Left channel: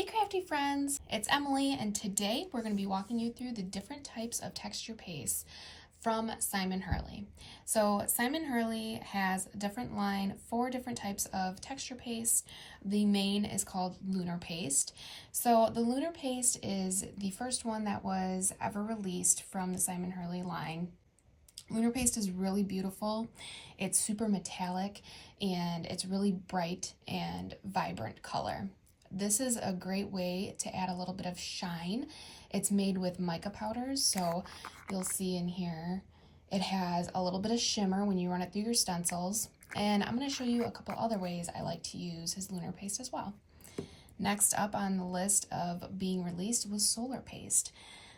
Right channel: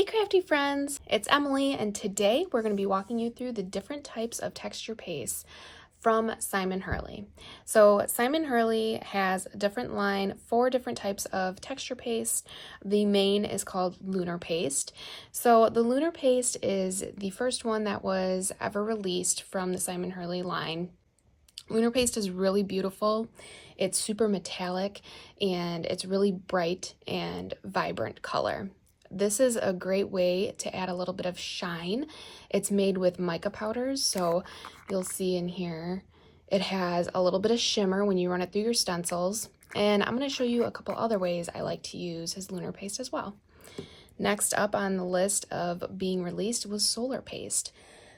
Hey crafty friends, it's Emily, and today we're going to be walking you through the different types of texture paste from Simon Hurley. So Simon Hurley has a different line, 4 different types of texture paste. The main is called Lunar Paste. So the Lunar Paste is the first one that was ever released from the Simon Hurley line. Lunar Paste is really beautiful. It's super metallic and it's really bright and vibrant color. This is a great way to add a little bit of shine. It's made with mica powders, so you'll see in here it has a little bit of shimmer when you run it through your stencils. And I'm going to show you a couple other ways I like to use his Lunar Paste as well. Next up on the list of being released was Solar Paste.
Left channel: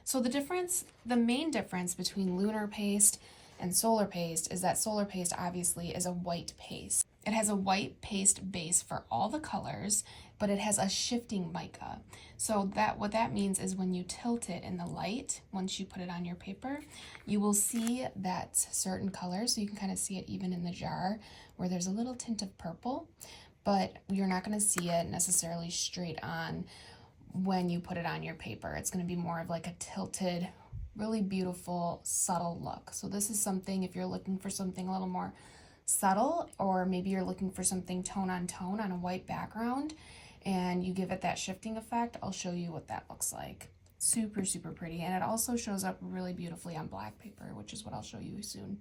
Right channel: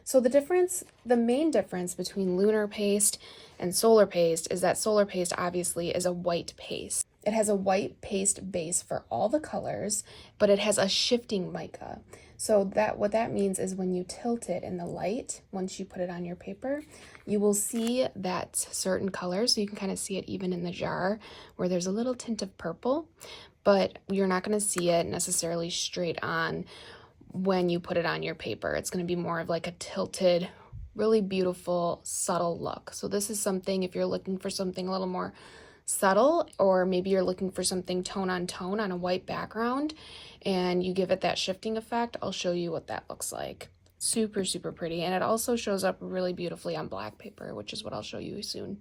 So the main difference between Lunar Paste and Solar Paste is that Solar Paste obviously is a white paste. It has a white paste base for all the colors, but it has a shifting mica. So what that means is when you tilt it in the light, once you put it on your paper, you will see that certain colors, so you can kind of see it even in the jar where there's a little tint of purple, but you're not going to see it necessarily straight on when you put it on your paper. It's going to be more of like a tilted, really beautiful, subtle look. So this is something, if you're looking for something a little more subtle, or maybe you're looking for something tone on a white background and you give it that shifting effect, I'll show you what that looks like. Super, super pretty. And it also shows up really beautifully on black paper, which is what I'll show you soon.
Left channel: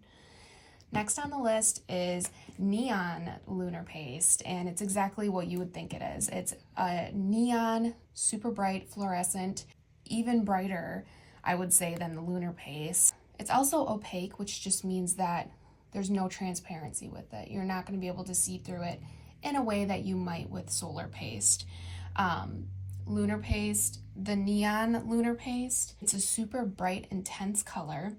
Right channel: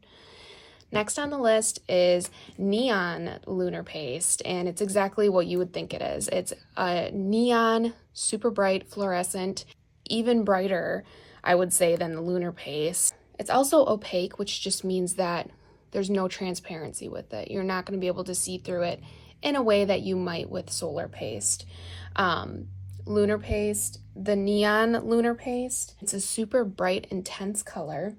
Next on the list is Neon Lunar Paste, and it's exactly what you would think it is. It's a neon, super bright, fluorescent, even brighter, I would say, than the Lunar Paste. It's also opaque, which just means that there's no transparency with it. You're not going to be able to see through it in a way that you might with Solar Paste. Lunar Paste, the Neon Lunar Paste, it's a super bright, intense color.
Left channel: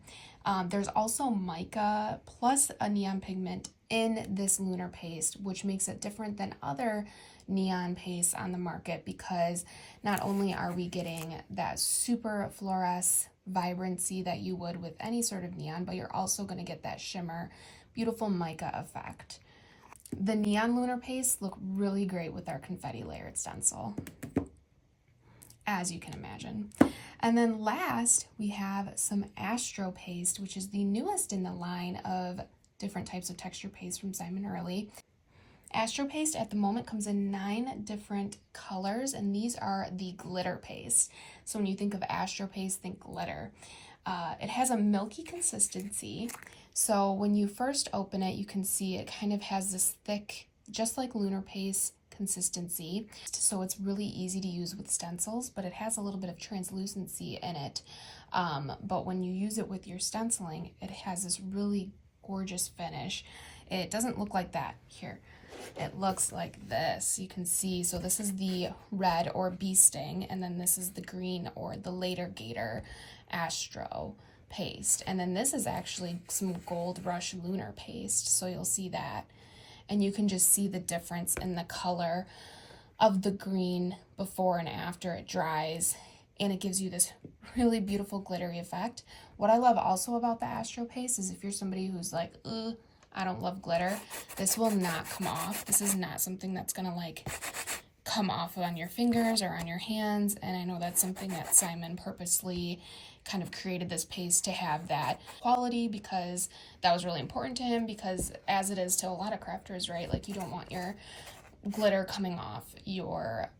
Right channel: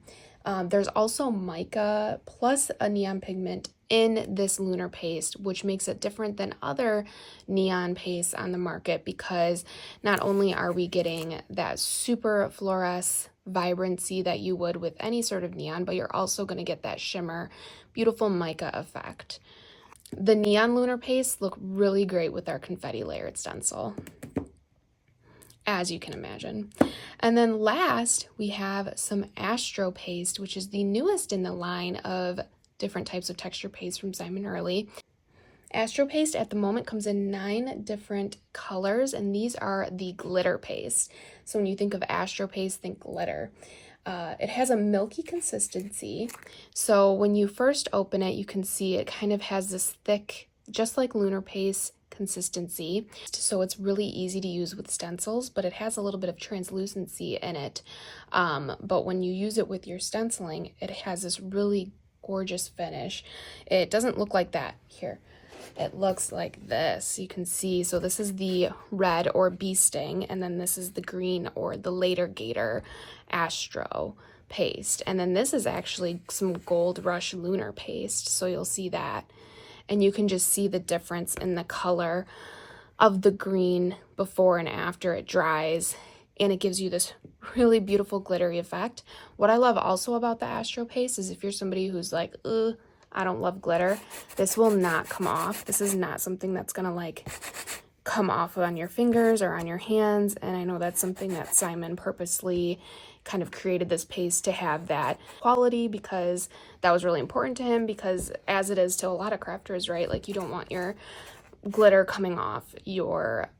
There's also mica plus a neon pigment in this Lunar Paste, which makes it different than other neon pastes on the market, because not only are we getting that super fluorescent vibrancy that you would with any sort of neon, but you're also going to get that shimmer, beautiful mica effect. The Neon Lunar Paste look really great with our confetti layered stencil, as you can imagine. And then last, we have some Astro Paste, which is the newest in the line of different types of texture paste from Simon Hurley. Astro Paste at the moment comes in 9 different colors, and these are the glitter paste. So when you think of Astro Paste, think glitter. It has a milky consistency. So when you first open it, you can see it kind of has this thick, just like Lunar Paste, consistency. So it's really easy to use with stencils, but it has a little bit of translucency in it. But when you use it with your stenciling, it has this really gorgeous finish. It doesn't look like that here. It looks like this. You can see, so this is the red or bee sting, and then this is the green or the later gator Astro paste. And then this is actually some Gold Rush Lunar Paste, so you'll see that. And you can just see the difference in the color of the green before and after it dries, and it gives you this really beautiful glittery effect. What I love also about the Astro Paste is if you're somebody who's like, I don't love glitter, this will not come off. This is not something that's gonna like come off on your fingers or on your hands, and I know that's something that Simon purposely kind of created this paste to have that quality, because that was really important to him, because as it is to a lot of crafters, right, like you don't want your glitter coming off your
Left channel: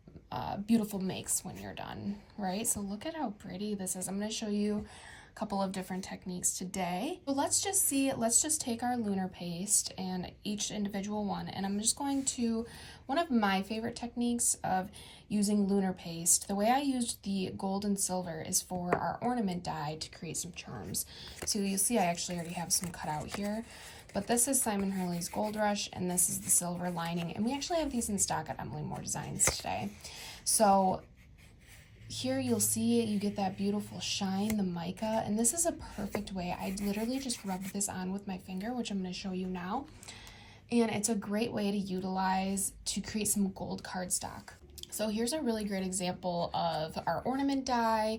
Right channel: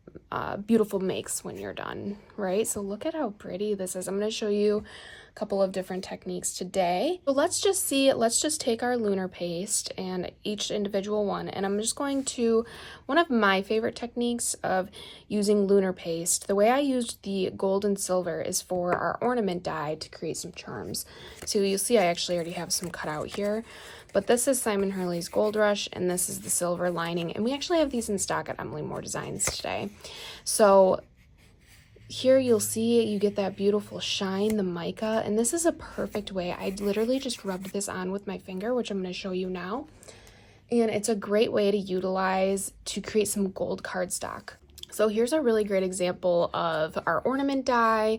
beautiful makes when you're done, right? So look at how pretty this is. I'm going to show you a couple of different techniques today. So let's just take our Lunar Paste and each individual one, and I'm just going to, one of my favorite techniques of using Lunar Paste, the way I used the gold and silver is for our ornament die to create some charms. So you'll see I actually already have some cut out here, but this is Simon Hurley's Gold Rush and this is the silver lining, and we actually have these in stock at Emily Moore Designs today. So here you'll see you get that beautiful shine, the mica, and this is a perfect way. I literally just rubbed this on with my finger, which I'm going to show you now. And it's a great way to utilize to create some gold cardstock. So here's a really great example of our ornament die,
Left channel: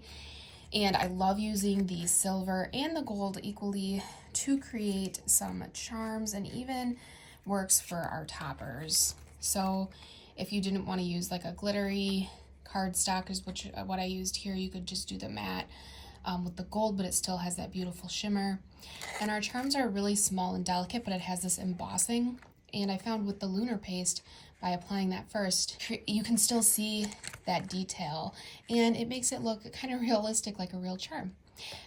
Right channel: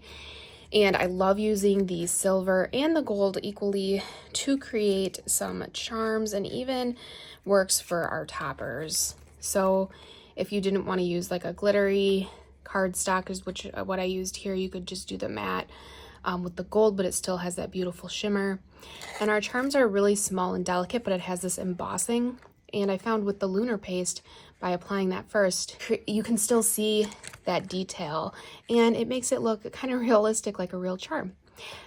and I love using the silver and the gold equally to create some charms, and even works for our toppers. So if you didn't want to use like a glittery cardstock is what I used here. You could just do the matte with the gold, but it still has that beautiful shimmer. And our charms are really small and delicate, but it has this embossing. And I found with the Lunar Paste, by applying that first, you can still see that detail, and it makes it look kind of realistic, like a real charm.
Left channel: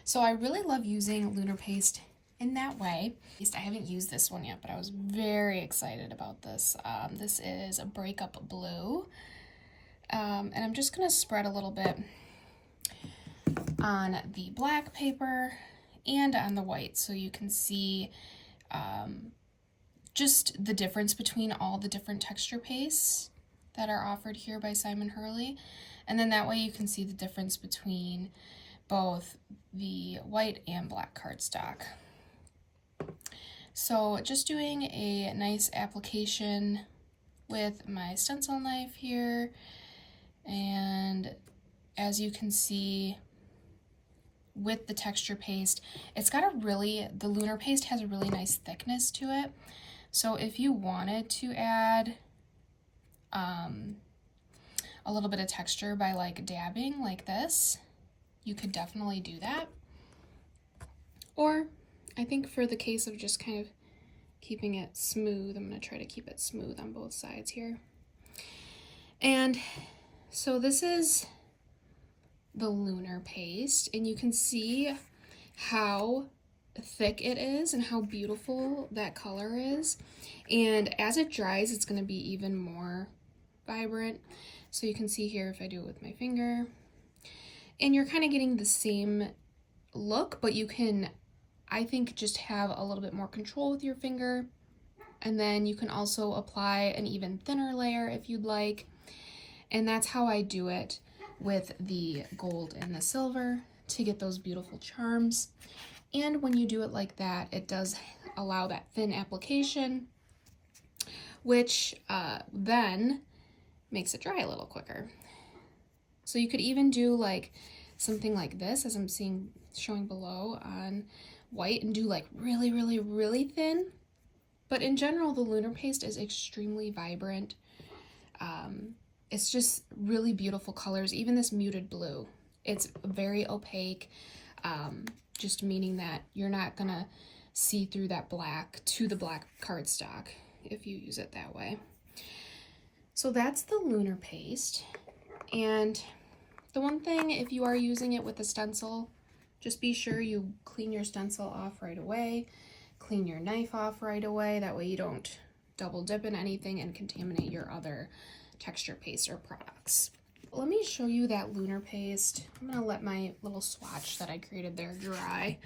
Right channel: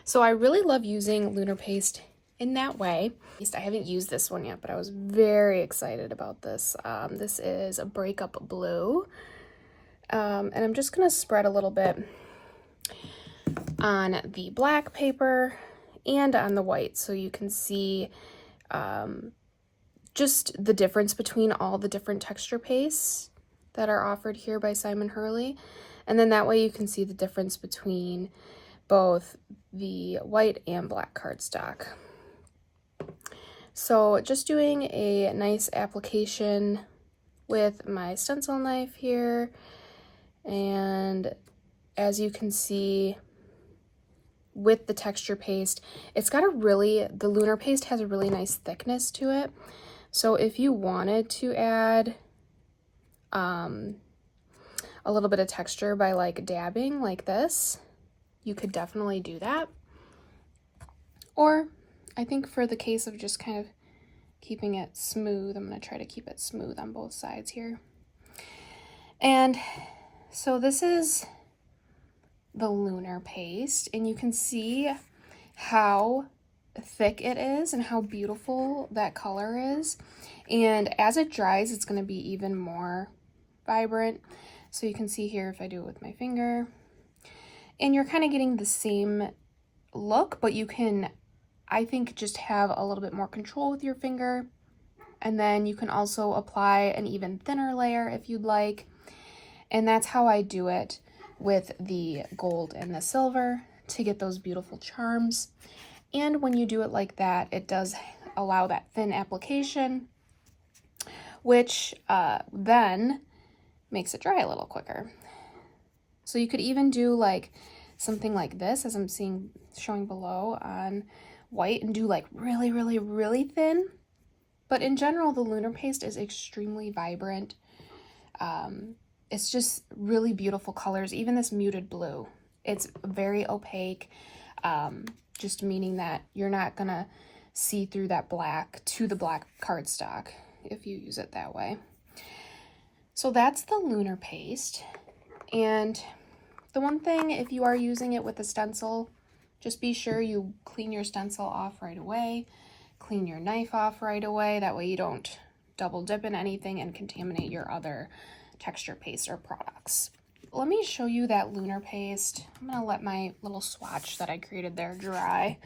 So I really love using Lunar Paste in that way. I haven't used this one yet, but I was very excited about this. This is a Breakup Blue, and I'm just gonna spread a little bit on the black paper and on the white, so you can see just the difference between all the different texture pastes that are offered here by Simon Hurley. And then that way you can see the difference between both the white and black cardstock. So just doing a nice application with my stencil knife here. And as you can see, with the texture paste, it's got the Lunar Paste has a really nice thickness to it. So if you wanted to add a little bit of texture by like dabbing like this, you could definitely do that. Or I think for the case of just kind of keeping it smooth, I'm going to try to keep it smooth on both sides here. And so this is the Lunar Paste, and you can see how thick it is and how beautiful that color is. And as it dries, it's going to be even more vibrant. So you can see here if I do it with my finger, and you're kind of getting the same look, but you can, I think, just have a little bit more control with your finger. And then you can also apply an even thinner layer if you'd like. And that's how I do it with the gold and the silver to get those beautiful charms. And when you do it like that, it does allow that thin application, which then makes it dry a little quicker. So you could even do like something like this, as I'm showing below on white, and do like really, really, really thin. But in general, the Lunar Paste is extremely vibrant. It's just really beautiful colors, even this muted blue. It's very opaque, just meaning that you're not gonna see through that black to the black cardstock if you use it that way. So that's the Lunar Paste. And the one thing, if you are using it with a stencil, just be sure you clean your stencil off right away, clean your knife off right away. That way you don't double dip in anything and contaminate your other texture paste or products. Let me show you that Lunar Paste. I'm gonna let my little swatch that I created there dry.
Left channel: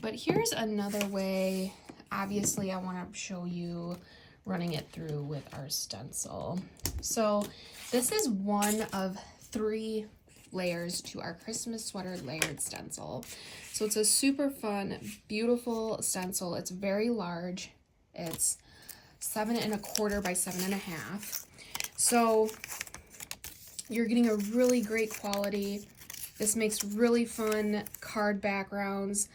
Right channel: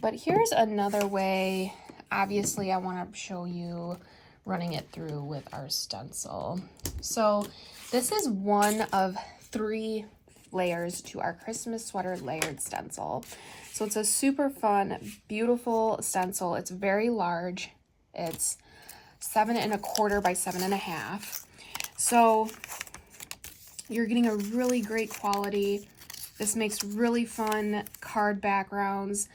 But here's another way. Obviously, I want to show you running it through with our stencil. So this is one of 3 layers to our Christmas sweater layered stencil. So it's a super fun, beautiful stencil. It's very large. It's 7 1/4 by 7 1/2. So you're getting a really great quality. This makes really fun card backgrounds,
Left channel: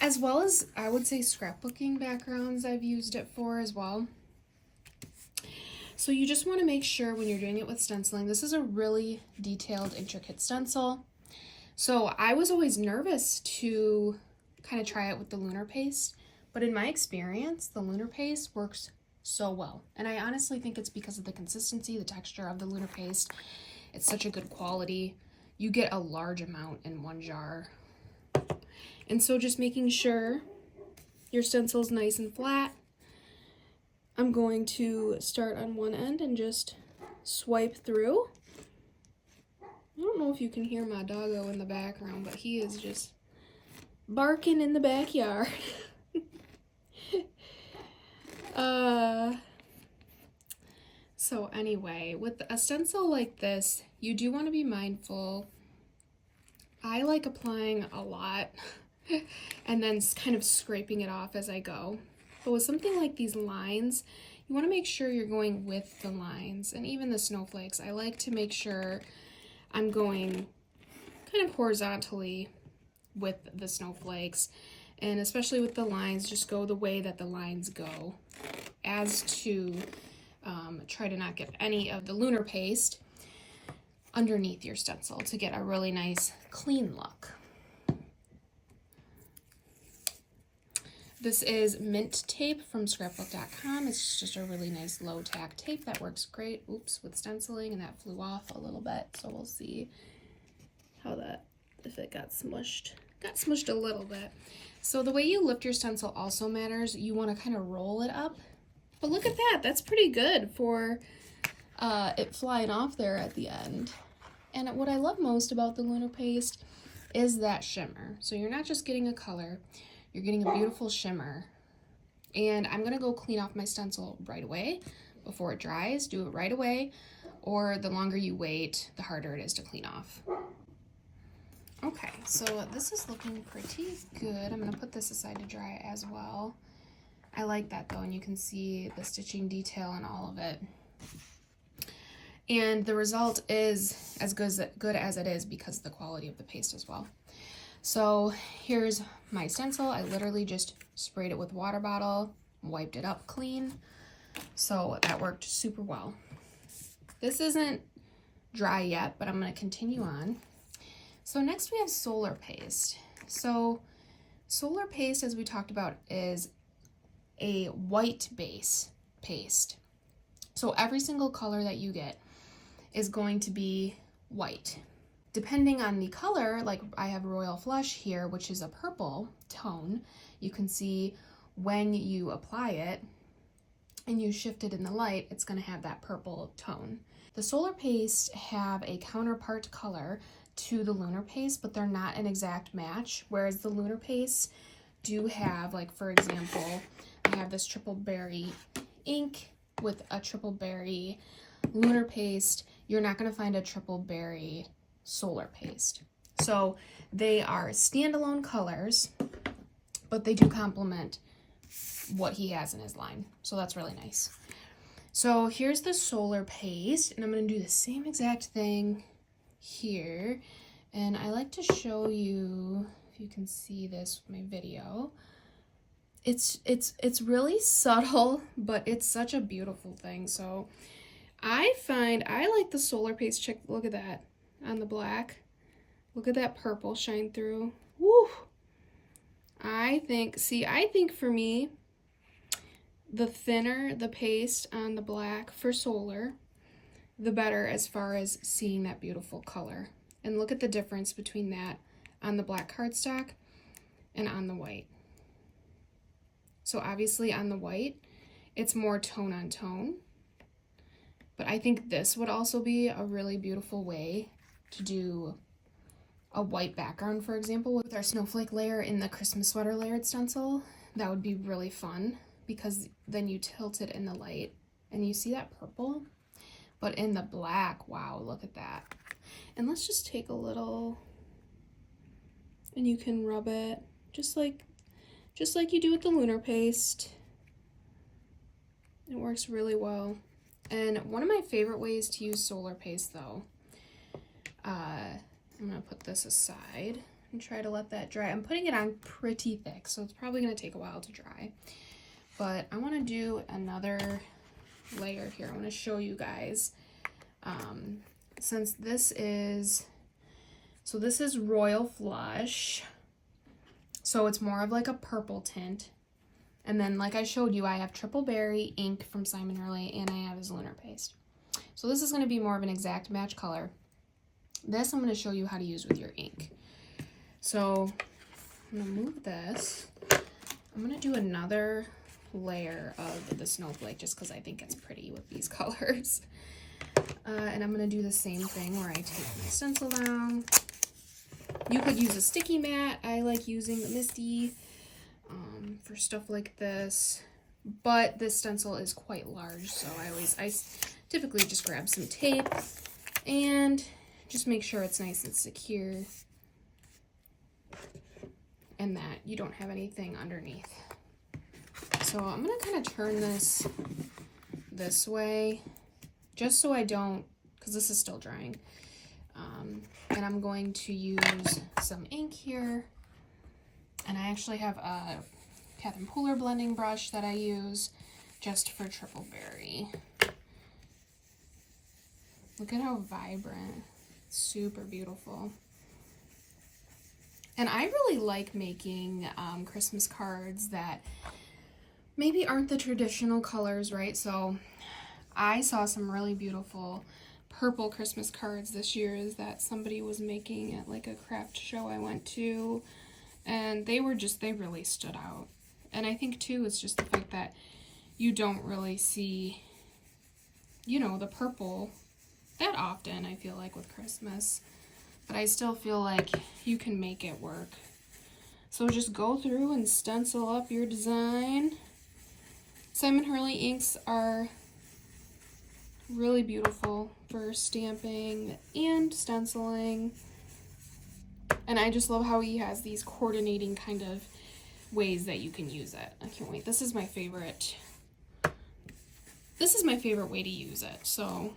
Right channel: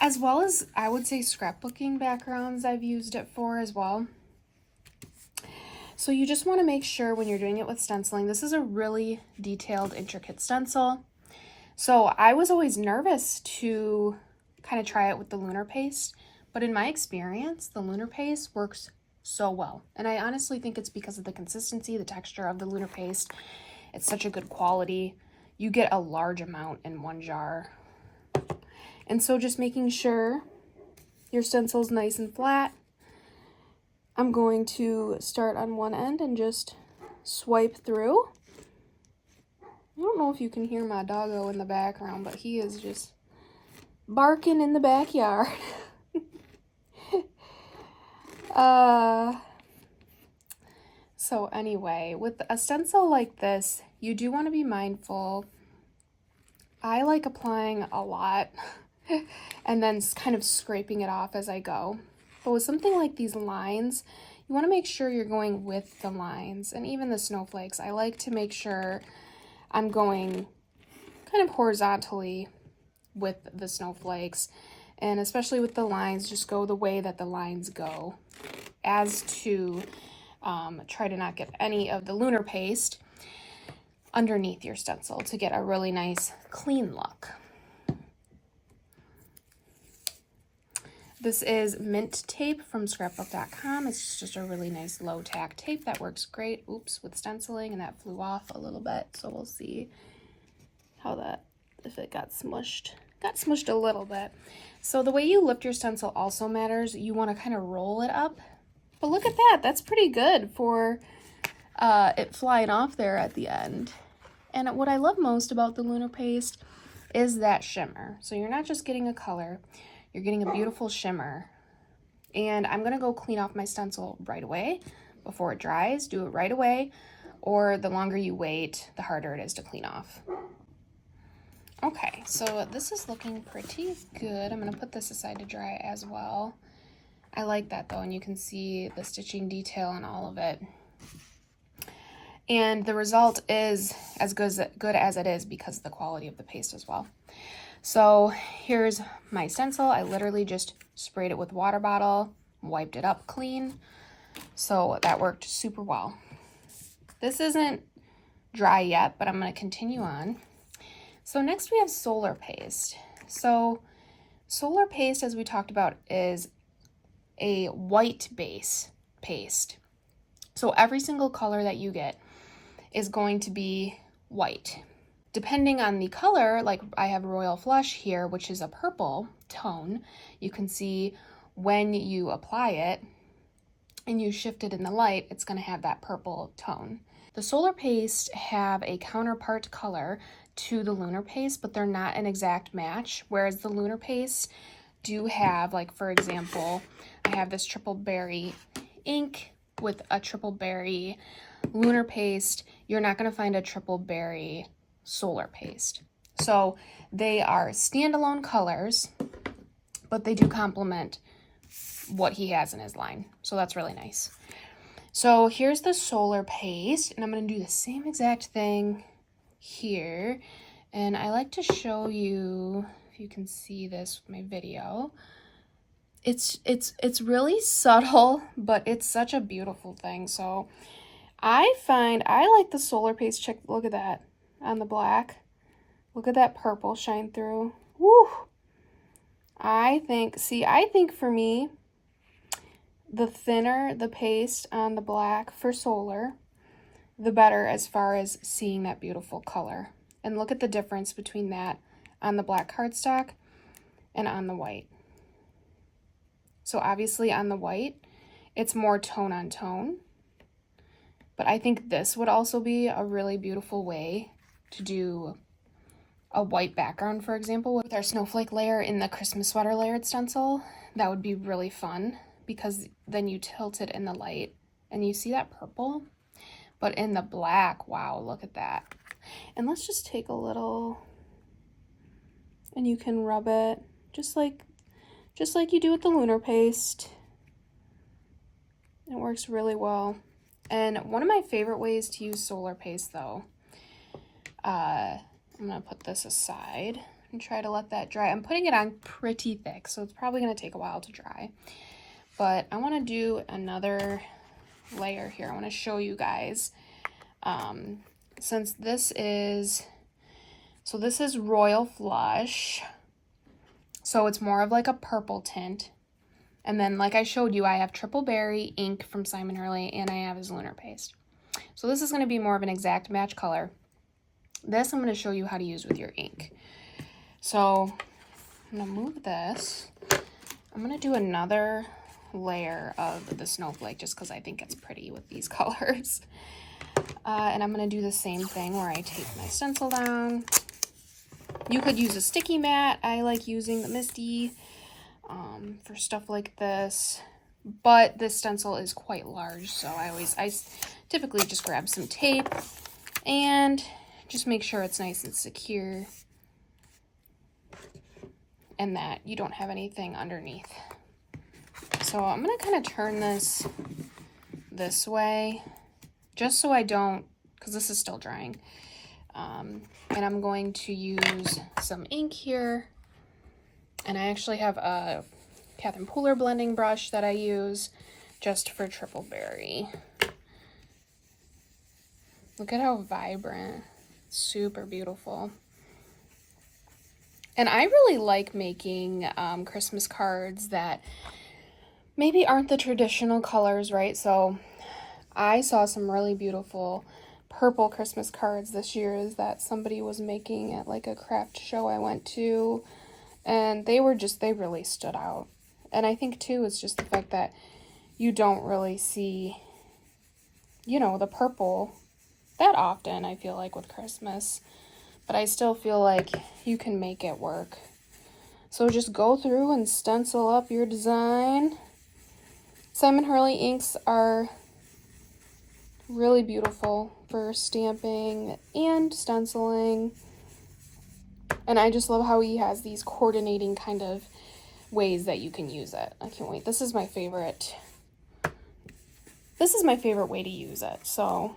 as well as, I would say, scrapbooking backgrounds I've used it for as well. So you just want to make sure when you're doing it with stenciling, this is a really detailed, intricate stencil. So I was always nervous to kind of try it with the Lunar Paste, but in my experience, the Lunar Paste works so well. And I honestly think it's because of the consistency, the texture of the Lunar Paste. It's such a good quality. You get a large amount in one jar. And so just making sure your stencil's nice and flat. I'm going to start on one end and just swipe through. I don't know if you can hear my doggo in the background, but he is just barking in the backyard. So anyway, with a stencil like this, you do want to be mindful. I like applying a lot and then kind of scraping it off as I go. But with something like these lines, you want to make sure you're going with the lines, and even the snowflakes. I like to make sure I'm going kind of horizontally with the snowflakes, and especially with the lines, just go the way that the lines go, as to try to not get any of the Lunar Paste underneath your stencil to get a really nice clean look. This is mint tape from scrapbook.com. It's just a really nice low tack tape that works great. Oops, with stenciling, and that flew off a little bit. So we'll see how that, if it got smushed. Got smushed a little bit. So the way you lift your stencil also matters. You want to kind of roll it up. But look at that. That's pretty good for it flying off there at the end. And what I love most about the Lunar Paste is that shimmer. So you're not just getting a color. You're getting a beautiful shimmer. And I'm going to go clean off my stencil right away before it dries. Do it right away, or the longer you wait, the harder it is to clean off. Okay, so this is looking pretty good. I'm going to put this aside to dry as well. I like that though, and you can see the stitching detail and all of it. And the result is as good as it is because of the quality of the paste as well. So here's my stencil. I literally just sprayed it with water bottle, wiped it up clean. So that worked super well. This isn't dry yet, but I'm going to continue on. So next we have Solar Paste. So Solar Paste, as we talked about, is a white base paste. So every single color that you get is going to be white. Depending on the color, like I have Royal Flush here, which is a purple tone, you can see when you apply it and you shift it in the light, it's going to have that purple tone. The Solar Paste have a counterpart color to the Lunar Paste, but they're not an exact match, whereas the Lunar Paste do have, like for example, I have this Triple Berry ink with a Triple Berry Lunar Paste. You're not going to find a Triple Berry Solar Paste. So they are standalone colors, but they do complement what he has in his line. So that's really nice. So here's the Solar Paste, and I'm going to do the same exact thing here. And I like to show you, if you can see this with my video, it's really subtle, but it's such a beautiful thing. So I find I like the Solar Paste. Check, look at that on the black. Look at that purple shine through. Woo! I think for me, the thinner the paste on the black for Solar, the better as far as seeing that beautiful color. And look at the difference between that on the black cardstock and on the white. So obviously on the white, it's more tone on tone. But I think this would also be a really beautiful way to do a white background, for example, with our snowflake layer in the Christmas sweater layered stencil. That would be really fun because then you tilt it in the light and you see that purple. But in the black, wow, look at that. And let's just take a little, and you can rub it just like you do with the Lunar Paste. It works really well. And one of my favorite ways to use Solar Paste though, I'm gonna put this aside and try to let that dry. I'm putting it on pretty thick, so it's probably gonna take a while to dry. But I wanna do another layer here. I want to show you guys, since this is Royal Flush, so it's more of like a purple tint, and then like I showed you, I have Triple Berry ink from Simon Hurley, and I have his Lunar Paste. So this is going to be more of an exact match color. This I'm going to show you how to use with your ink. So I'm going to move this. I'm going to do another layer of the snowflake just because I think it's pretty with these colors. And I'm going to do the same thing where I take my stencil down. You could use a sticky mat. I like using the Misty for stuff like this, but this stencil is quite large, so I typically just grab some tape and just make sure it's nice and secure and that you don't have anything underneath. So I'm going to kind of turn this way just so I don't, because this is still drying. And I'm going to use some ink here. And I actually have a Catherine Pooler blending brush that I use just for Triple Berry. Look at how vibrant Super beautiful. And I really like making Christmas cards that maybe aren't the traditional colors, right? So I saw some really beautiful purple Christmas cards this year that somebody was making at like a craft show I went to. And they really stood out. And I think too, it's just the fact that you don't really see, you know, the purple that often, I feel like, with Christmas. But I still feel like you can make it work. So just go through and stencil up your design. Simon Hurley inks are really beautiful for stamping and stenciling. And I just love how he has these coordinating kind of ways that you can use it. I can't wait. This is my favorite way to use it. So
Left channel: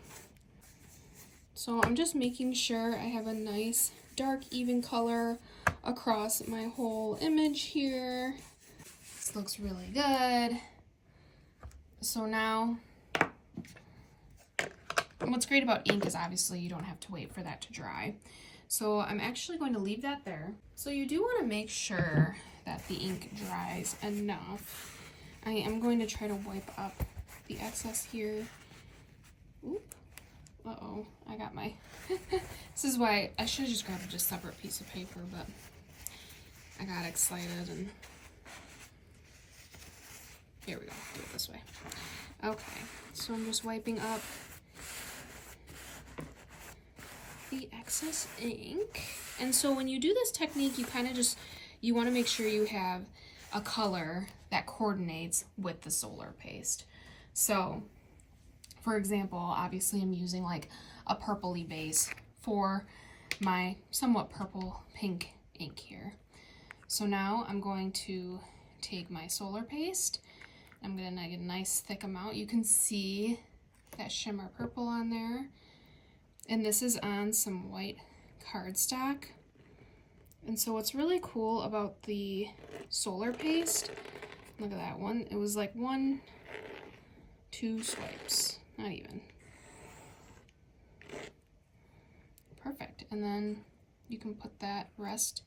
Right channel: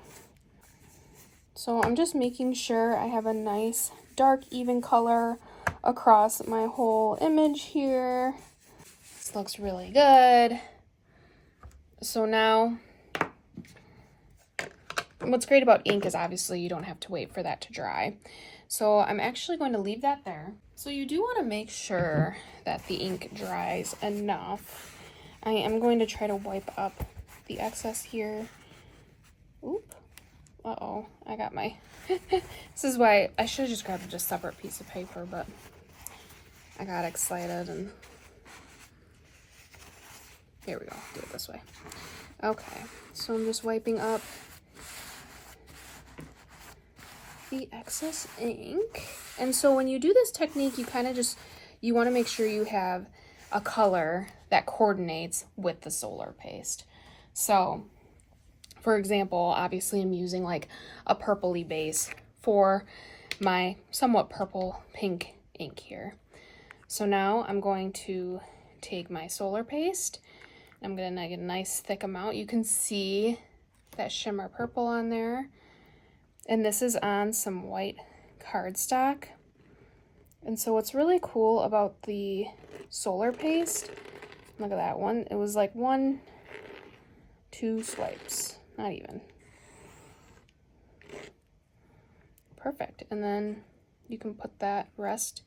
I'm just making sure I have a nice dark even color across my whole image here. This looks really good. So now, what's great about ink is obviously you don't have to wait for that to dry. So I'm actually going to leave that there. So you do want to make sure that the ink dries enough. I am going to try to wipe up the excess here. Oop. Uh-oh, I got my... This is why I should have just grabbed a separate piece of paper, but I got excited and... Here we go, do it this way. Okay, so I'm just wiping up the excess ink. And so when you do this technique, you kind of just, you want to make sure you have a color that coordinates with the solar paste. So for example, obviously I'm using like a purpley base for my somewhat purple pink ink here. So now I'm going to take my solar paste. I'm going to get a nice thick amount. You can see that shimmer purple on there. And this is on some white cardstock. And so what's really cool about the solar paste, look at that one. It was like 1, 2 swipes, not even. Perfect. And then you can put that rest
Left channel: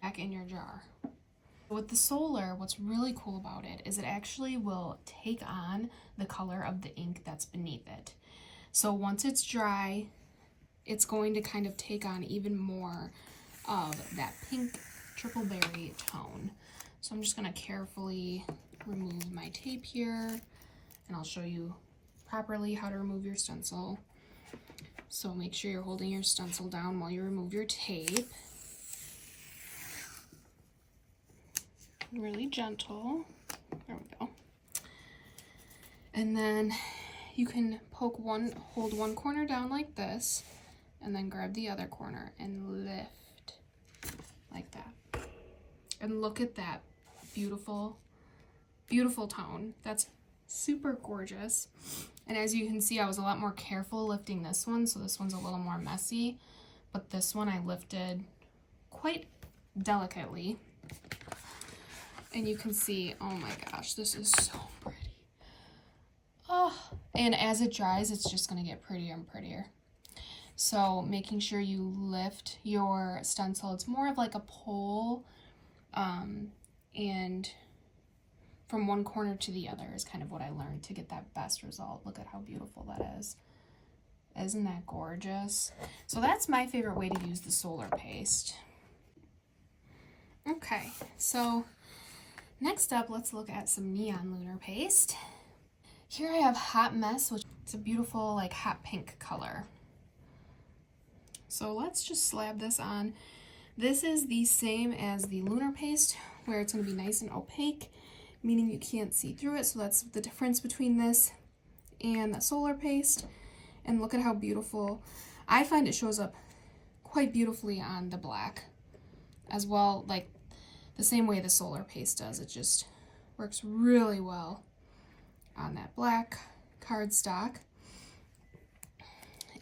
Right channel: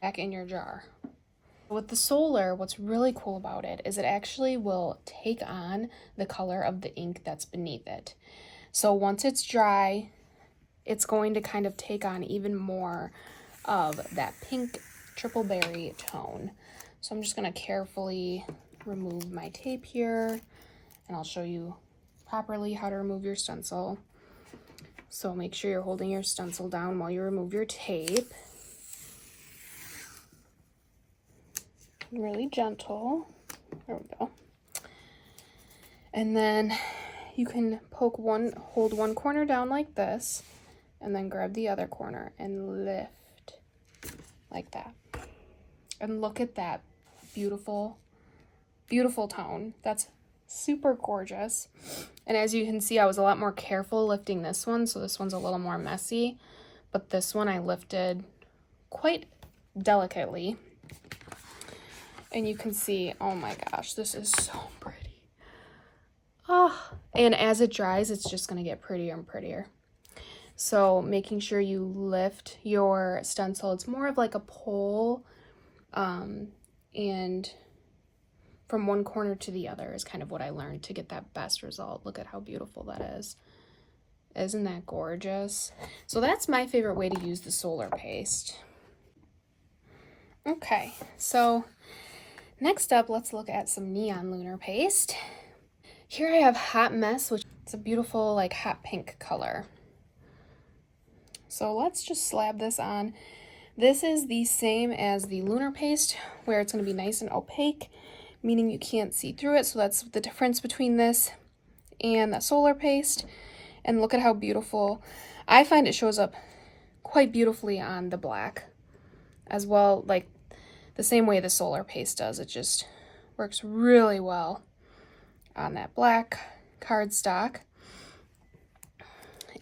back in your jar. With the solar, what's really cool about it is it actually will take on the color of the ink that's beneath it. So once it's dry, it's going to kind of take on even more of that pink triple berry tone. So I'm just going to carefully remove my tape here, and I'll show you properly how to remove your stencil. So make sure you're holding your stencil down while you remove your tape. Really gentle. There we go. And then you can hold one corner down like this, and then grab the other corner and lift like that. And look at that beautiful, beautiful tone. That's super gorgeous. And as you can see, I was a lot more careful lifting this one, so this one's a little more messy, but this one I lifted quite delicately. And you can see, oh my gosh, this is so pretty. Oh, and as it dries, it's just going to get prettier and prettier. So making sure you lift your stencil, it's more of like a pole, and from one corner to the other is kind of what I learned to get that best result. Look at how beautiful that is. Isn't that gorgeous? So that's my favorite way to use the solar paste. Okay, so next up, let's look at some neon lunar paste. Here I have Hot Mess, which is a beautiful like hot pink color. So let's just slab this on. This is the same as the lunar paste, where it's going to be nice and opaque, meaning you can't see through it. So that's the difference between this and the solar paste. And look at how beautiful. I find it shows up quite beautifully on the black as well, like the same way the solar paste does. It just works really well on that black cardstock.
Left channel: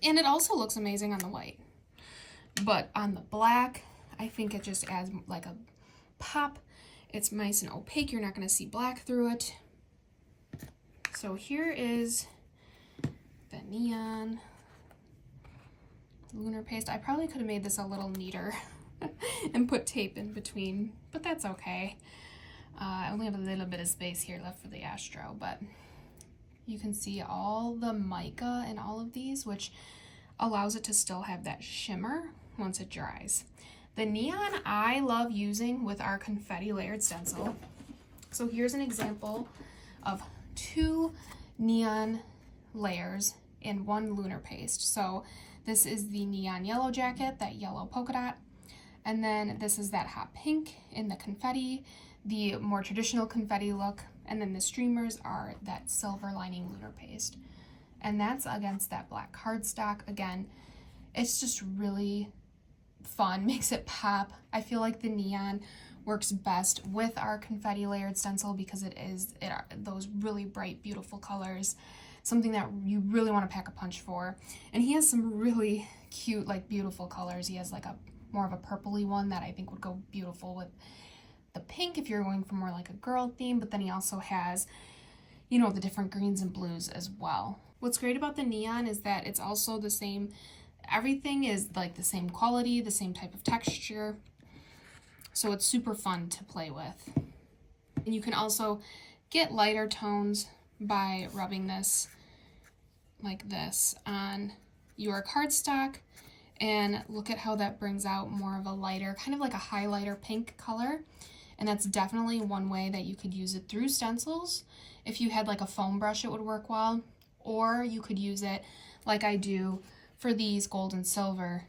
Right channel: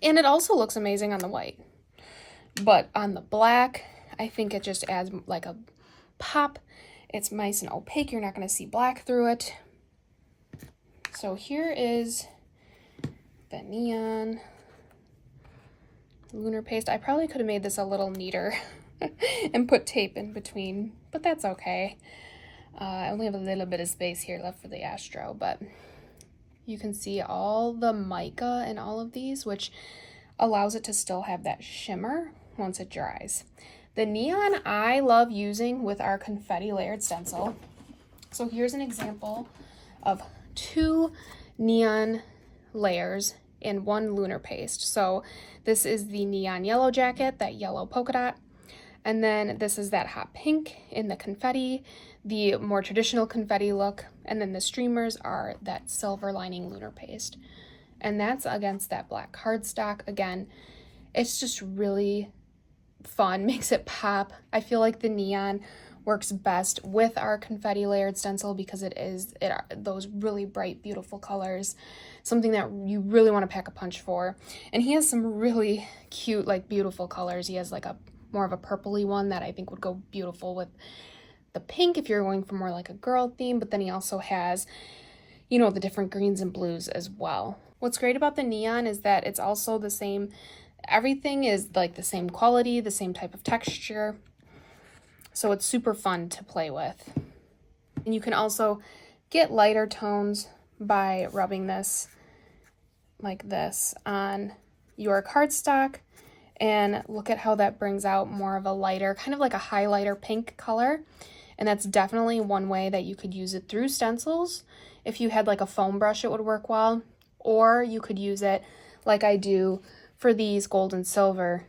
And it also looks amazing on the white. But on the black, I think it just adds like a pop. It's nice and opaque. You're not going to see black through it. So here is the neon Lunar Paste. I probably could have made this a little neater and put tape in between, but that's okay. I only have a little bit of space here left for the Astro, but you can see all the mica in all of these, which allows it to still have that shimmer once it dries. The neon I love using with our confetti layered stencil. So here's an example of 2 neon layers in 1 Lunar Paste. So this is the neon yellow jacket, that yellow polka dot, and then this is that hot pink in the confetti, the more traditional confetti look, and then the streamers are that silver lining Lunar Paste. And that's against that black cardstock. Again, it's just really fun, makes it pop. I feel like the neon works best with our confetti layered stencil because it are those really bright, beautiful colors, something that you really want to pack a punch for. And he has some really cute, like beautiful colors. He has like a more of a purpley one that I think would go beautiful with the pink if you're going for more like a girl theme, but then he also has, you know, the different greens and blues as well. What's great about the neon is that it's also the same, everything is like the same quality, the same type of texture. So it's super fun to play with. And you can also get lighter tones by rubbing this like this on your cardstock. And look at how that brings out more of a lighter, kind of like a highlighter pink color. And that's definitely one way that you could use it through stencils. If you had like a foam brush, it would work well. Or you could use it like I do for these gold and silver,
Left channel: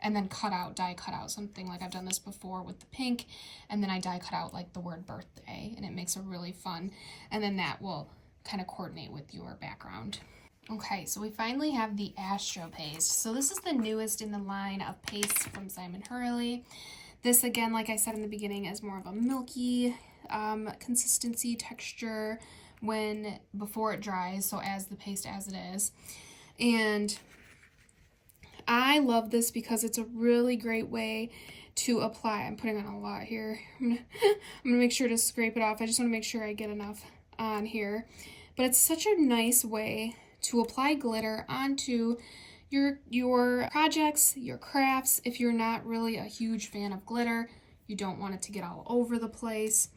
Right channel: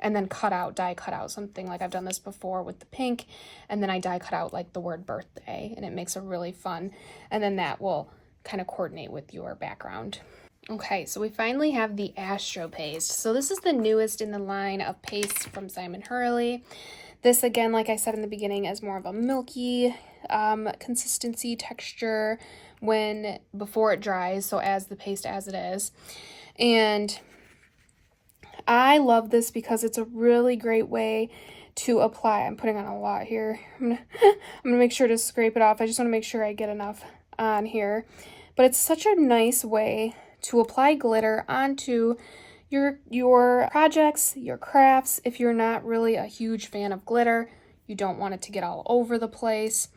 and then die cut out something. Like I've done this before with the pink, and then I die cut out like the word birthday, and it makes a really fun, and then that will kind of coordinate with your background. Okay, so we finally have the Astro paste. So this is the newest in the line of pastes from Simon Hurley. This, again, like I said in the beginning, is more of a milky consistency, texture before it dries, so as the paste as it is. And I love this because it's a really great way to apply. I'm putting on a lot here. I'm gonna make sure to scrape it off. I just want to make sure I get enough on here. But it's such a nice way to apply glitter onto your projects, your crafts. If you're not really a huge fan of glitter, you don't want it to get all over the place,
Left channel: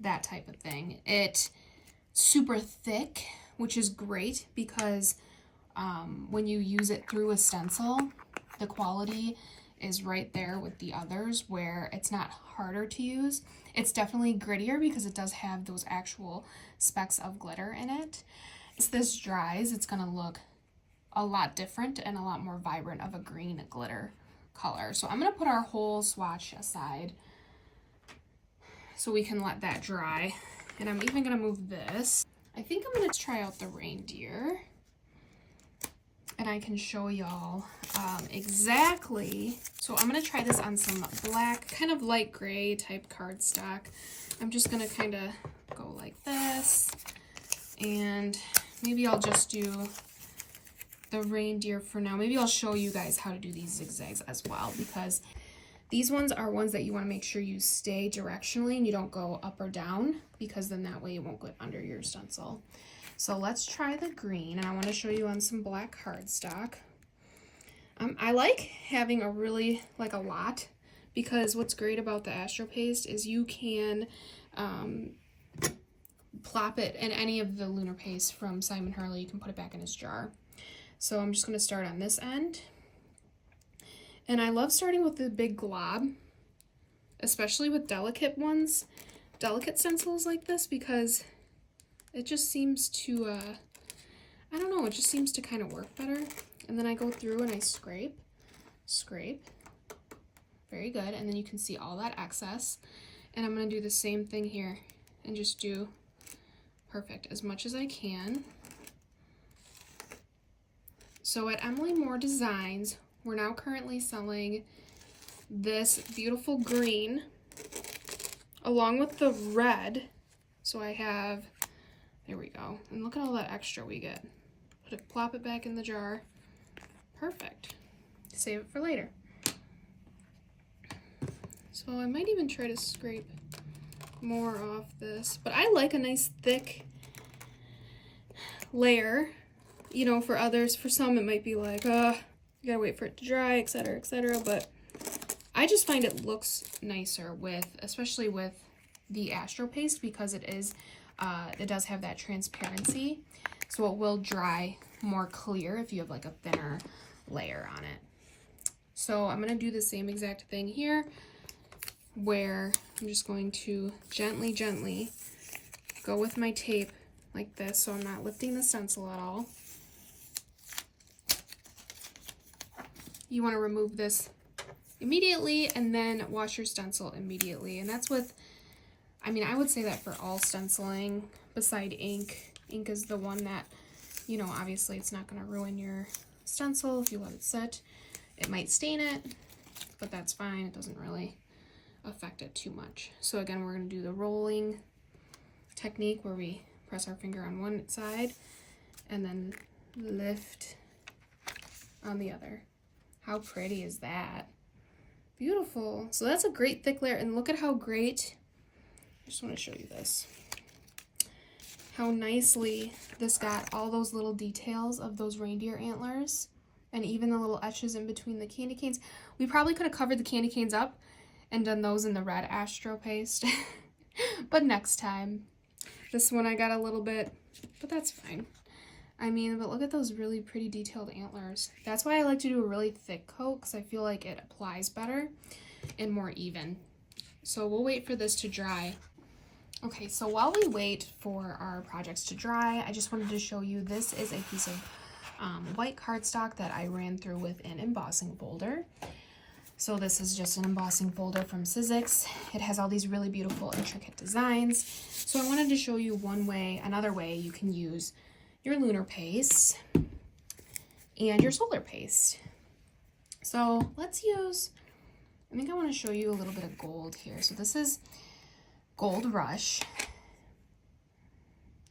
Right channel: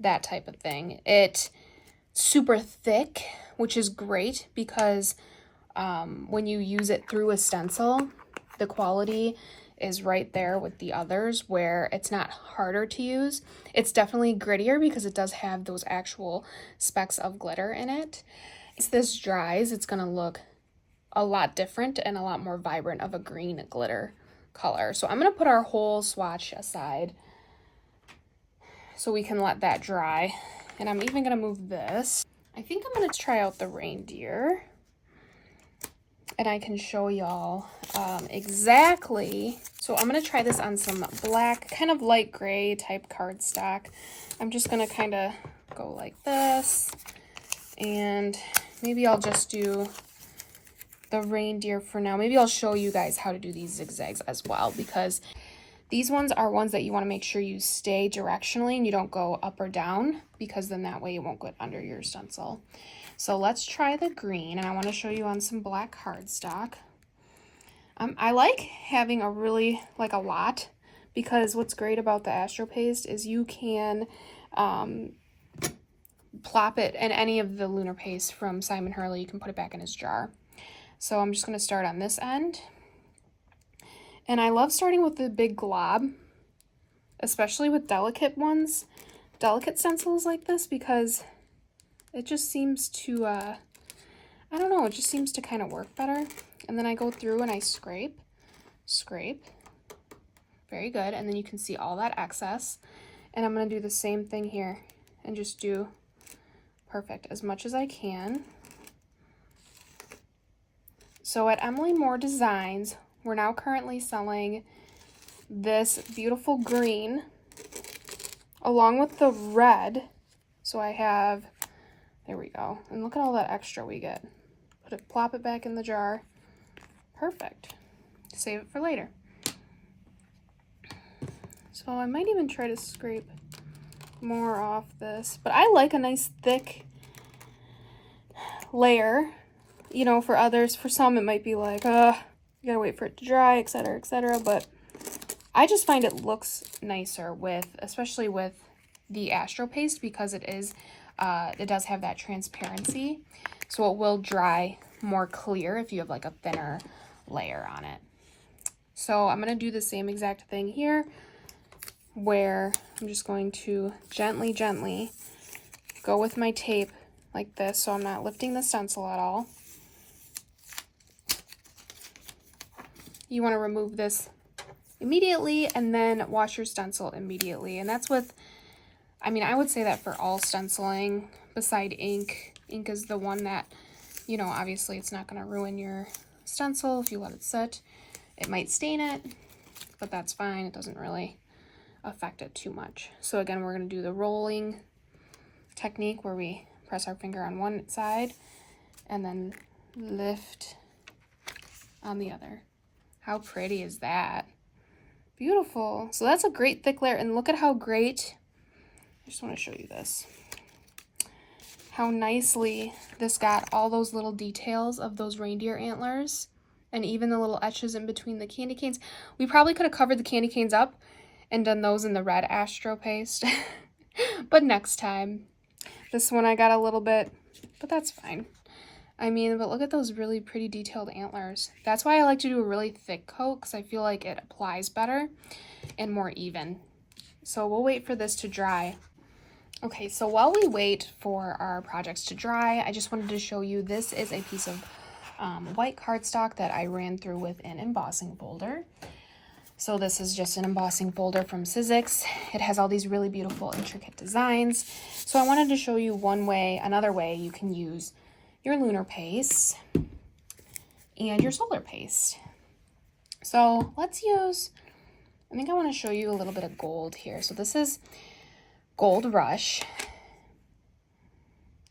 that type of thing. It's super thick, which is great because when you use it through a stencil, the quality is right there with the others where it's not harder to use. It's definitely grittier because it does have those actual specks of glitter in it. As this dries, it's going to look a lot different and a lot more vibrant of a green glitter color. So I'm going to put our whole swatch aside so we can let that dry. And I'm even going to move this. I think I'm going to try out the reindeer. And I can show y'all exactly. So I'm going to try this on some black, kind of light gray type cardstock. I'm just going to kind of go like this. And maybe I'll just do the reindeer for now. Maybe I'll show you guys how to do these zigzags as well, because these ones are ones that you want to make sure you stay directionally and you don't go up or down, because then that way it won't get under your stencil. So let's try the green, and I want to show you on some black cardstock. I like having a lot, because what's great about the Astro paste is you can plop it in any of the Lunar Paste from Simon Hurley. You can put it back in his jar. So I'm just going to start on this end. And I love starting with the big glob, especially with delicate stencils like this, because it just seems to, I don't know, it just seems to kind of work better. And then I go through and I scrape. Very good. And then you can see all that excess. And I'm going to do the same thing here and just do perfect as much as I can. So at Emily Moore Designs, we're now currently selling this beautiful green along with the red. So I have, there we go. And look at all that extra we get. Plop it back in the jar. Perfect. Save it for later. So I might even try to scrape more off this, but I like a nice thick layer. You know, for others, for some it might be like, you're You gotta wait for it to dry, etc., but I just find it looks nicer with, especially with the Astro paste, because it does have that transparency, so it will dry more clear if you have like a thinner layer on it. So I'm going to do the same exact thing here, where I'm just going to gently go with my tape like this, so I'm not lifting the stencil at all. You want to remove this immediately and then wash your stencil immediately. And that's with, I mean, I would say that for all stenciling beside ink. Ink is the one that, you know, obviously it's not going to ruin your stencil if you let it sit. It might stain it, but that's fine. It doesn't really affect it too much. So again, we're going to do the rolling technique where we press our finger on one side and then lift on the other. How pretty is that? Beautiful. So that's a great thick layer, and look at how great, I just want to show you this, how nicely this got all those little details of those reindeer antlers and even the little etches in between the candy canes. We probably could have covered the candy canes up and done those in the red Astro paste, but next time. This one I got a little bit, but that's fine. I mean, but look at those really pretty detailed antlers. That's why I like to do a really thick coat, because I feel like it applies better and more even. So we'll wait for this to dry. Okay, so while we wait for our projects to dry, I just wanted to show you, this is a piece of white cardstock that I ran through with an embossing folder. So this is just an embossing folder from Sizzix. It has all these really beautiful, intricate designs. So I wanted to show you another way you can use your Lunar Paste and your Solar Paste. So let's use, I think I want to show you a little bit of gold here. So this is Gold Rush.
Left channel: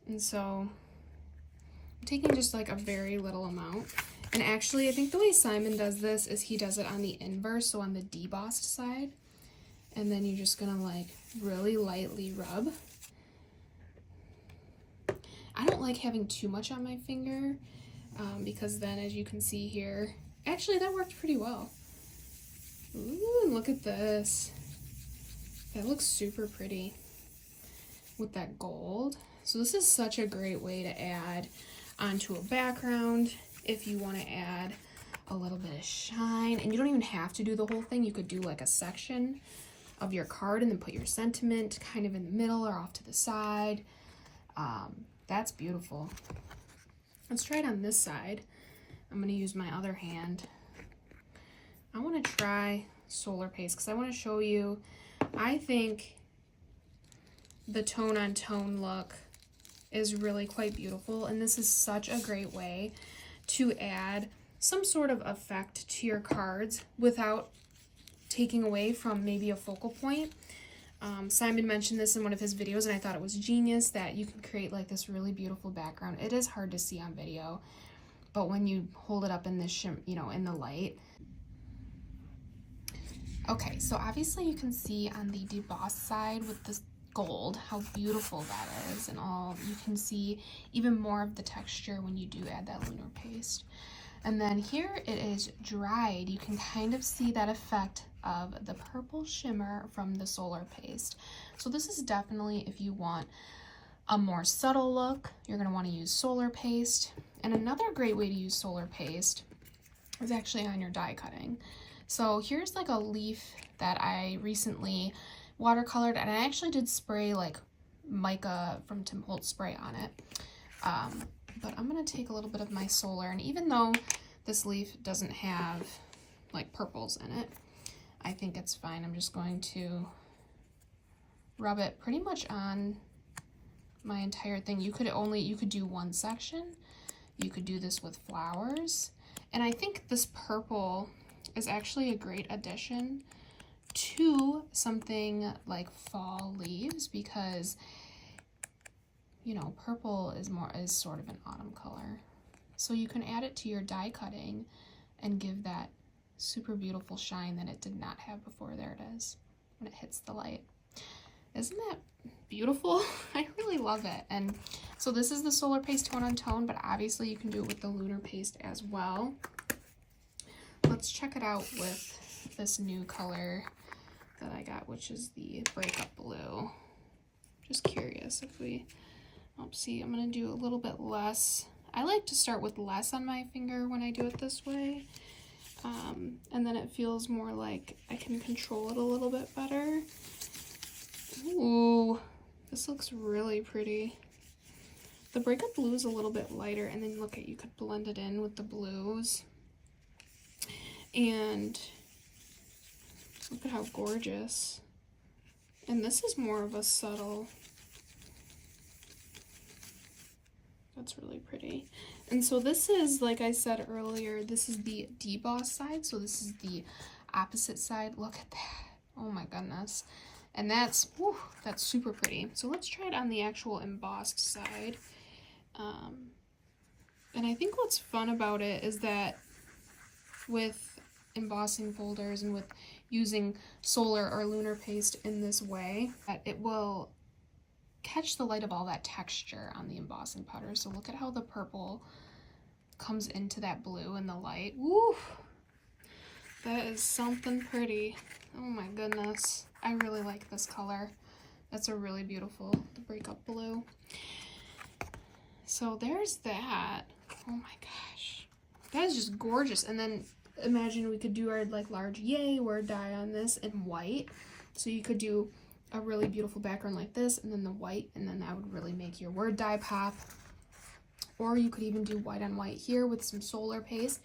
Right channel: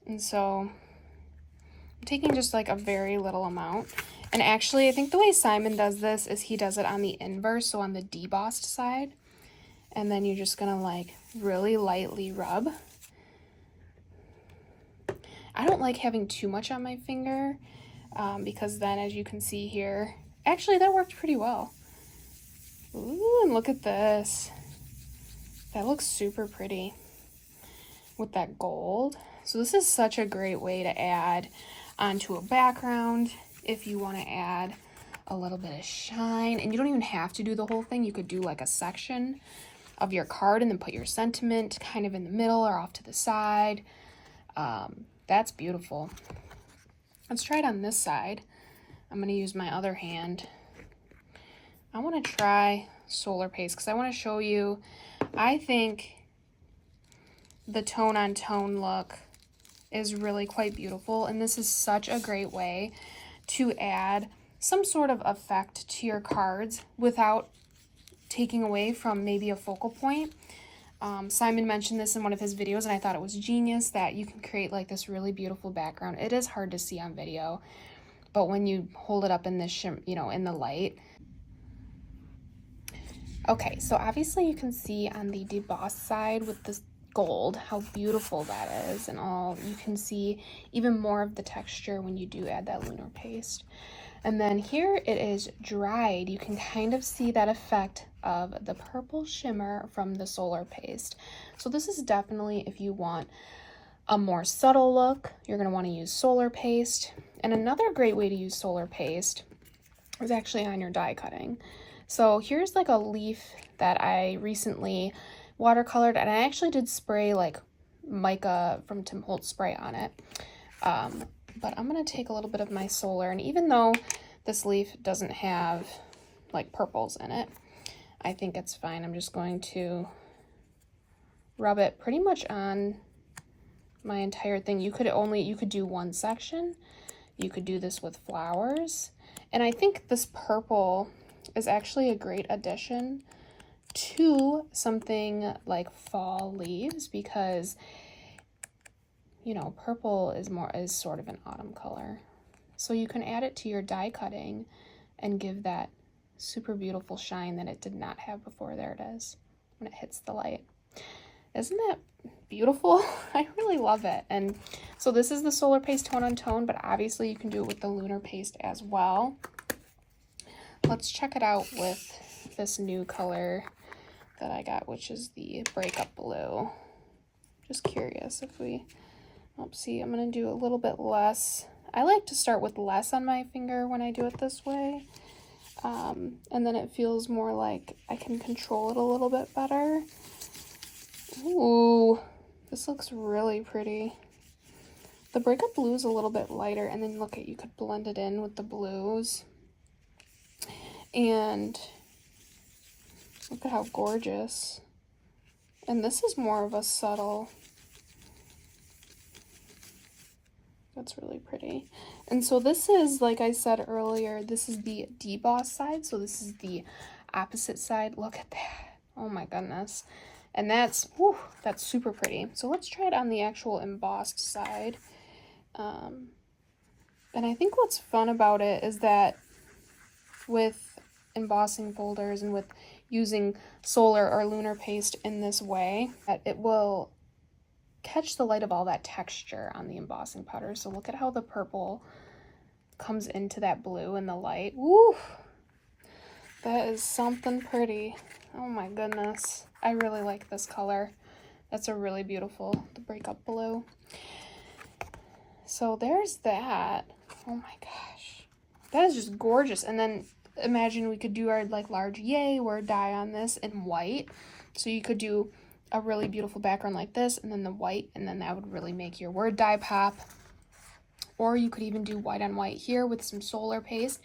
And so I'm taking just like a very little amount. And actually, I think the way Simon does this is he does it on the inverse, so on the debossed side. And then you're just gonna like really lightly rub. I don't like having too much on my finger because then, as you can see here, actually that worked pretty well. Ooh, and look at this. That looks super pretty with that gold. So this is such a great way to add onto a background if you want to add a little bit of shine. And you don't even have to do the whole thing. You could do like a section of your card and then put your sentiment kind of in the middle or off to the side. That's beautiful. Let's try it on this side. I'm going to use my other hand. I want to try Solar Paste because I want to show you, I think the tone on tone look is really quite beautiful, and this is such a great way to add some sort of effect to your cards without taking away from maybe a focal point. Simon mentioned this in one of his videos, and I thought it was genius that you can create like this really beautiful background. It is hard to see on video, but when you hold it up in this, in the light. Okay, so obviously you can see on the debossed side with this gold how beautiful that is, and all you can see even more of the texture when you do add that Lunar Paste. And then here it is dried. You can kind of see that effect of the purple shimmer from the Solar Paste. So this is definitely, if you want a more subtle look, you're going to want to use Solar Paste. And another great way to use Solar Paste is actually on your die cutting. So here's like a leaf that I recently watercolored, and I actually did spray like mica from Tim Holtz spray on it. But I'm going to take a little bit of my Solar, and even though this leaf doesn't have like purples in it, I think it's fine. I'm just going to rub it pretty much on my entire thing. You could do one section. You could do this with flowers. And I think this purple is actually a great addition to something like fall leaves, because purple is sort of an autumn color. So you can add it to your die cutting and give that super beautiful shine that it did not have before. There it is when it hits the light. Isn't that beautiful? I really love it. And so this is the Solar Paste tone on tone, but obviously you can do it with the Lunar Paste as well. let's check it out with this new color that I got, which is the Breakup Blue. Just curious if we, see, I'm gonna do a little bit less. I like to start with less on my finger when I do it this way. And then it feels more like I can control it a little bit better. Ooh, this looks really pretty. The Breakup Blue is a little bit lighter, and then look at, you could blend it in with the blues. And look at how gorgeous. And this is more of a subtle. That's really pretty. And so this is, like I said earlier, this is the deboss side. So this is the opposite side. Look at that. Oh my goodness. And that's, whew, that's super pretty. So let's try it on the actual embossed side. And I think what's fun about it is that with embossing folders and with using solar or lunar paste in this way, that it will catch the light of all that texture on the embossing powder. So look at how the purple comes into that blue in the light. Woo! That is something pretty. Oh my goodness. I really like this color. That's a really beautiful, the Breakup Blue. So there's that. Oh my gosh. That is just gorgeous. And then imagine we could do our like large yay word die on this in white. So you could do a really beautiful background like this and then the white, and then that would really make your word die pop. Or you could even do white on white here with some solar paste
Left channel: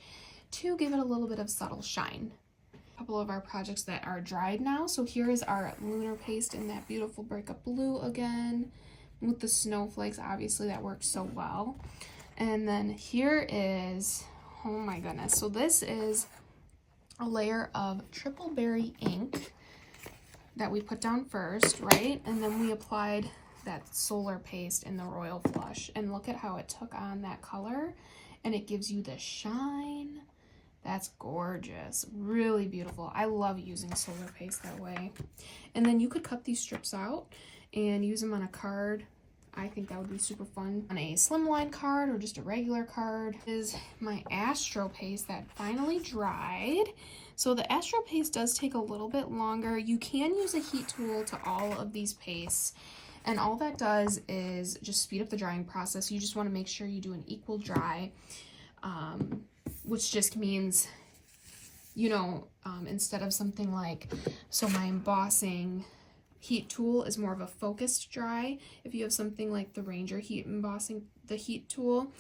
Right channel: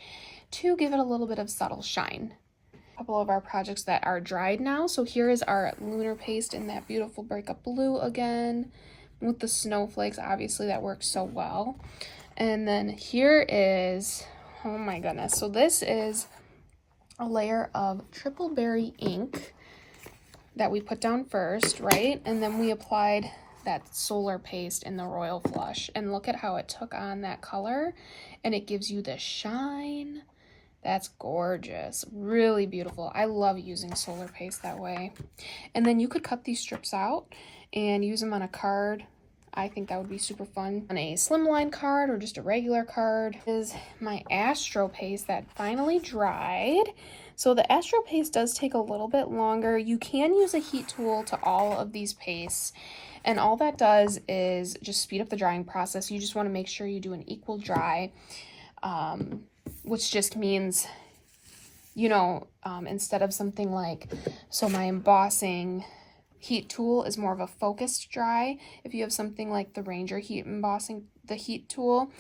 to give it a little bit of subtle shine. A couple of our projects that are dried now. So here is our lunar paste in that beautiful Breakup Blue again with the snowflakes. Obviously that works so well. And then here is, oh my goodness. So this is a layer of triple berry ink that we put down first, right? And then we applied that solar paste in the Royal Flush. And look at how it took on that color and it gives you the shine. That's gorgeous. Really beautiful. I love using solar paste that way. And then you could cut these strips out and use them on a card. I think that would be super fun. On a slimline card or just a regular card. This is my Astro paste that finally dried. So the Astro paste does take a little bit longer. You can use a heat tool to all of these pastes. And all that does is just speed up the drying process. You just want to make sure you do an equal dry, which just means, you know, instead of something like, so my embossing heat tool is more of a focused dry. If you have something like the Ranger heat embossing, the heat tool,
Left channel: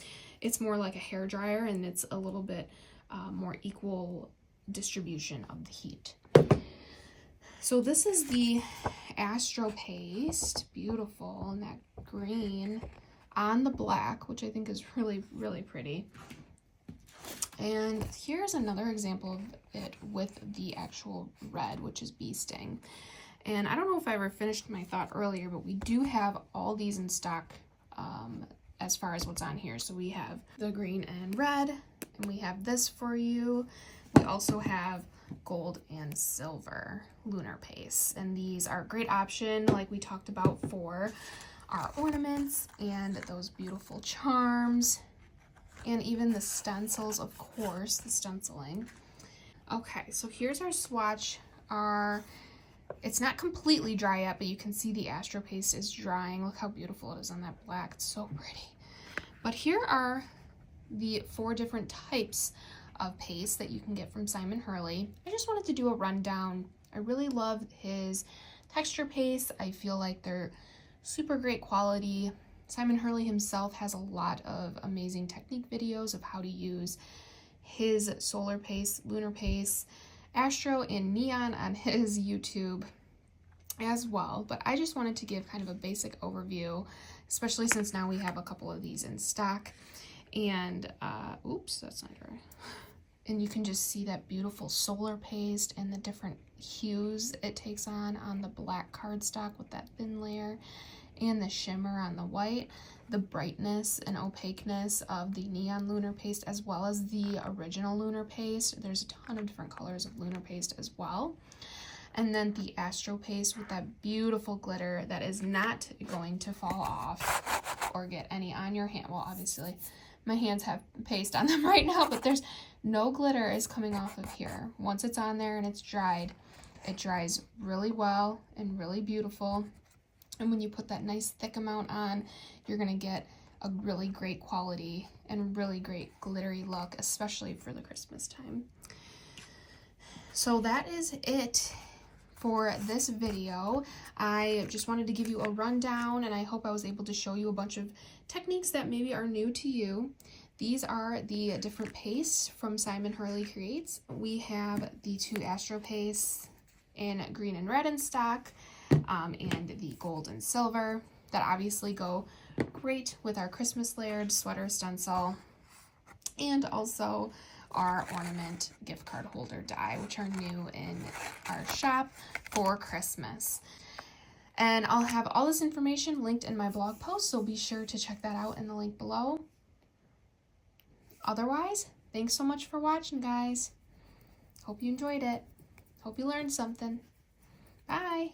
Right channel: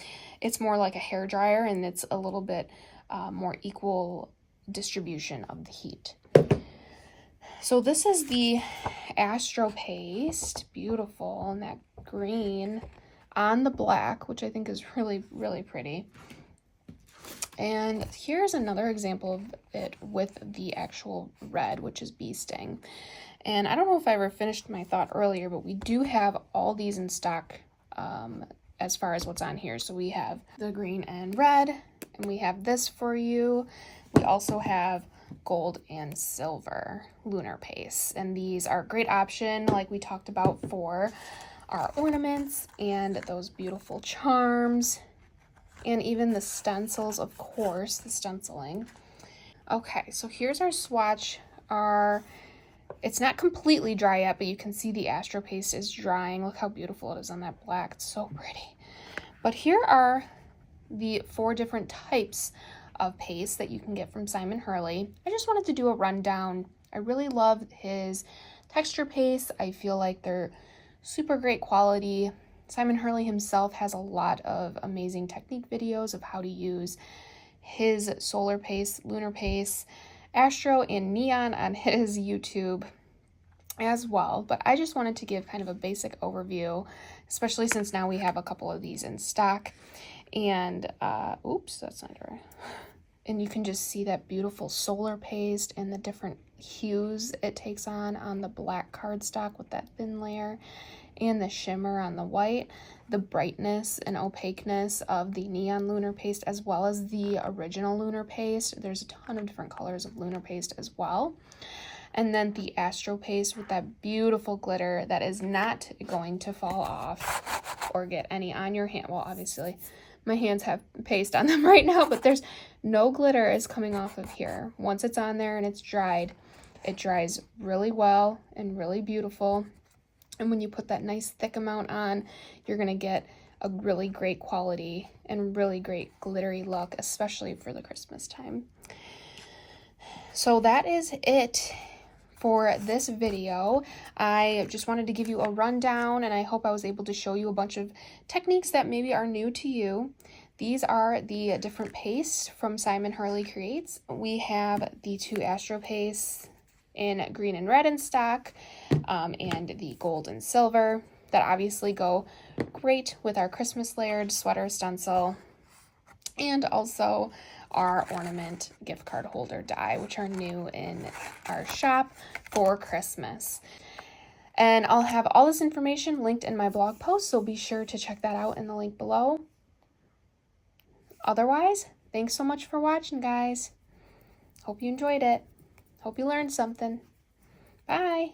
it's more like a hair dryer and it's a little bit more equal distribution of the heat. So this is the Astro paste, beautiful, and that green on the black, which I think is really, really pretty. And here's another example of it with the actual red, which is Bee Sting. And I don't know if I ever finished my thought earlier, but we do have all these in stock as far as what's on here. So we have the green and red, and we have this for you. We also have gold and silver lunar paste, and these are a great option, like we talked about, for our ornaments and those beautiful charms, and even the stencils, of course, the stenciling. Okay, so here's our swatch. It's not completely dry yet, but you can see the Astro paste is drying. Look how beautiful it is on that black. It's so pretty. But here are the 4 different types of paste that you can get from Simon Hurley. I just wanted to do a rundown. I really love his texture paste. I feel like they're super great quality. Simon Hurley himself has a lot of amazing technique videos of how to use his solar paste, lunar paste, Astro, and neon on his YouTube as well. But I just wanted to give kind of a basic overview, especially since now we have a couple of these in stock. And oops, that's not right. And you can just see that beautiful solar paste and the different hues it takes on the black cardstock with that thin layer, and the shimmer on the white, the brightness and opaqueness of the neon lunar paste, as well as the original lunar paste. There's a ton of different colors of lunar paste as well. And then the Astro paste with that beautiful glitter that is not going to fall off or get any on your hand. Well, obviously, My hands have paste on them right now, but there's no glitter is coming off of here. Once it's on there and it's dried, it dries really well and really beautiful. And when you put that nice thick amount on, you're gonna get a really great quality and really great glittery look, especially for the Christmas time. So that is it for this video. I just wanted to give you a rundown, and I hope I was able to show you a bunch of techniques that maybe are new to you. These are the different pastes from Simon Hurley Creates. We have the 2 Astro pastes in green and red in stock, and the gold and silver that obviously go great with our Christmas layered sweater stencil, and also our ornament gift card holder die, which are new in our shop for Christmas. And I'll have all this information linked in my blog post, so be sure to check that out in the link below. Otherwise, thanks so much for watching, guys. Hope you enjoyed it. Hope you learned something. Bye.